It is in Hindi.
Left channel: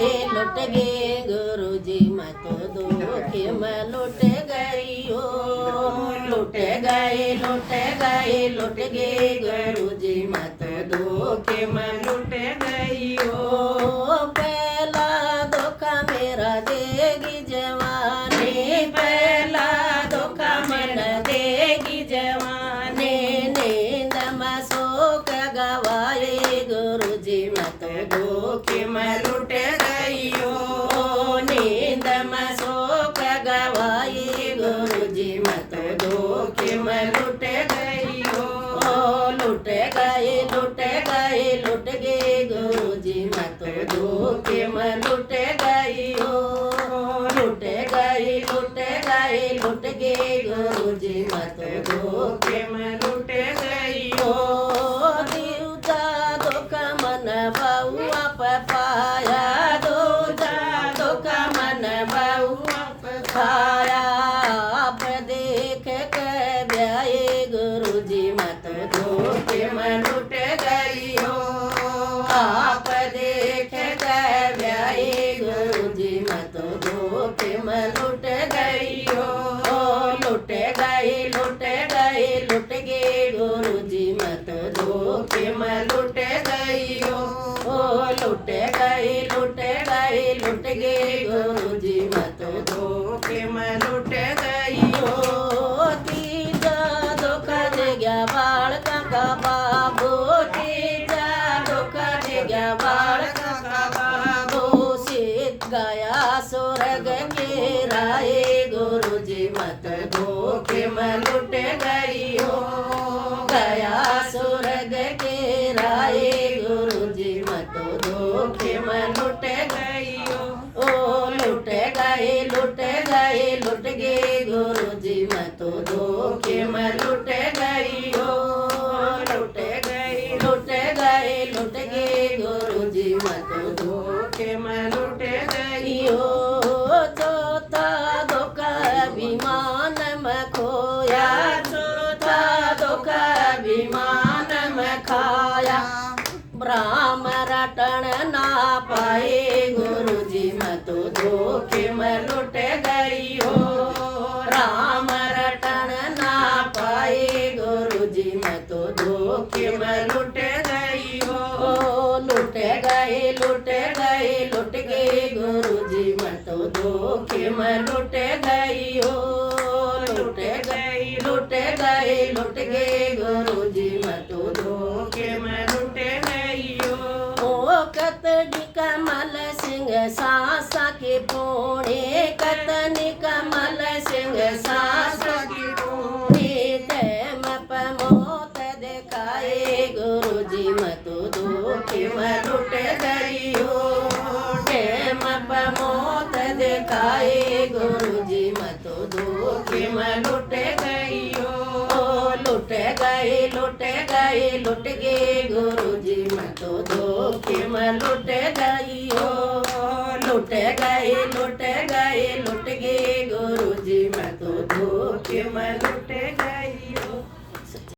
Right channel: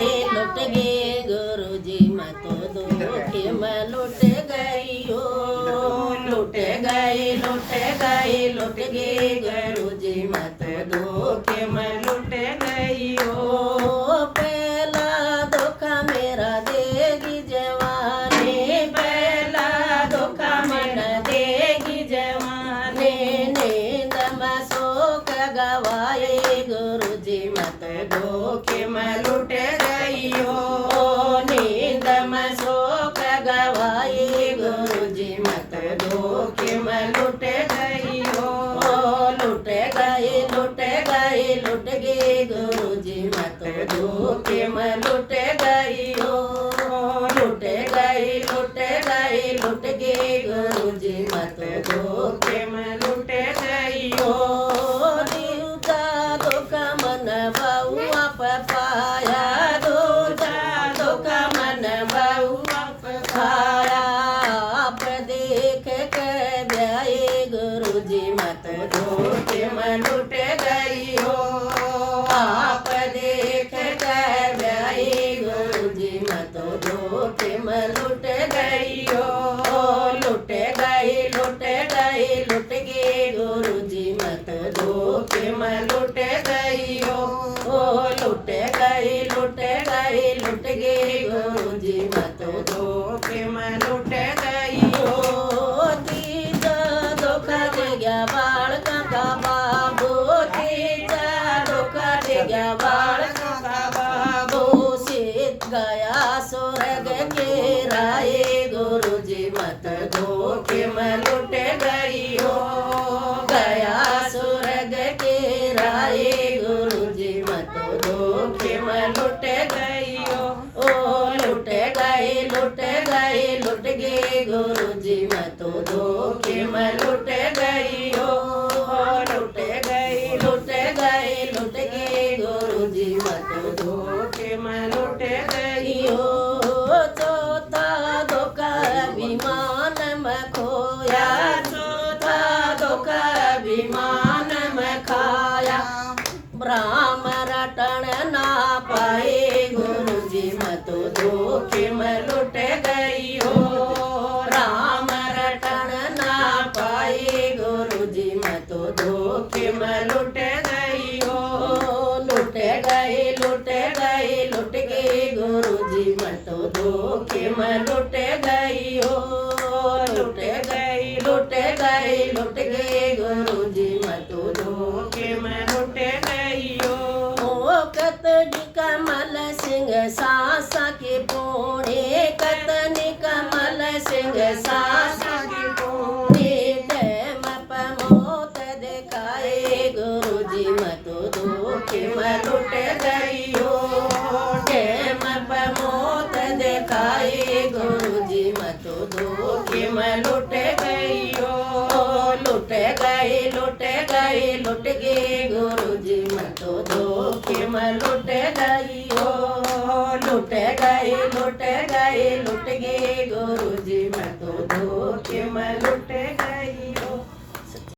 लुट गए गुरुजी मैं तो धोखे में लुट गई हो। लुट गए लुट गए लुट गए गुरुजी मैं तो धोखे में लुट गई हो। पहला धोखा मेरा देगी जवानी, पहला धोखा मेरा देगी जवानी। नींद में शोक गवाए गुरुजी मैं तो धोखे में लुट गई हो। नींद में शोक गवाए गुरुजी मैं तो धोखे में लुट गई हो। लुट गए लुट गए लुट गए गुरुजी मैं तो धोखे में लुट गई हो। लुट गए लुट गए लुट गए गुरुजी मैं तो धोखे में लुट गई हो। दूजा धोखा मन बउआ पर पाया, दूजा धोखा मन बउआ पर पाया। आप देख के ब्याए गुरुजी मैं तो धोखे में लुट गई हो। आप देख के ब्याए गुरुजी मैं तो धोखे में लुट गई हो। लुट गई लुट गई लुट गए गुरुजी मैं तो धोखे में लुट गई हो। लुट गई लुट गई लुट गए गुरुजी मैं तो धोखे में लुट गई हो। तीजा धोखा दे गया बालका का बाबू, तीजा धोखा दे गया बालका का बाबू। सीख गया स्वर्ग के राय गुरुजी मैं तो धोखे में लुट गई हो। गया स्वर्ग के राय गुरुजी मैं तो धोखे में लुट गई हो। लुट गए लुट गए लुट गए गुरुजी मैं तो धोखे में लुट गई हो। लुट गए लुट गए लुट गए गुरुजी मैं तो धोखे में लुट गई हो। चौथा धोखा अभिमान में खोया, चौथा धोखा अभिमान में खाया। राम रटन ना पाए गुरुजी मैं तो धोखे में लुट गई हो। राम रटन ना पाए गुरुजी मैं तो धोखे में लुट गई हो। लुट गए लुट गए लुट गए गुरुजी मैं तो धोखे में लुट गई हो। लुट गई लुट गए लुट गए गुरुजी मैं तो धोखे में लुट गई हो। कतनी कमल सिंह सासा के पोणे, कतनी कमल सिंह सासा के पोणे। टैम पर मौत दिखाए गुरुजी मैं तो धोखे में लुट गई हो। टैम पर मौत दिखाए गुरुजी मैं तो धोखे में लुट गई हो। लुट गए लुट गए लुट गए गुरुजी मैं तो धोखे में लुट गई हो।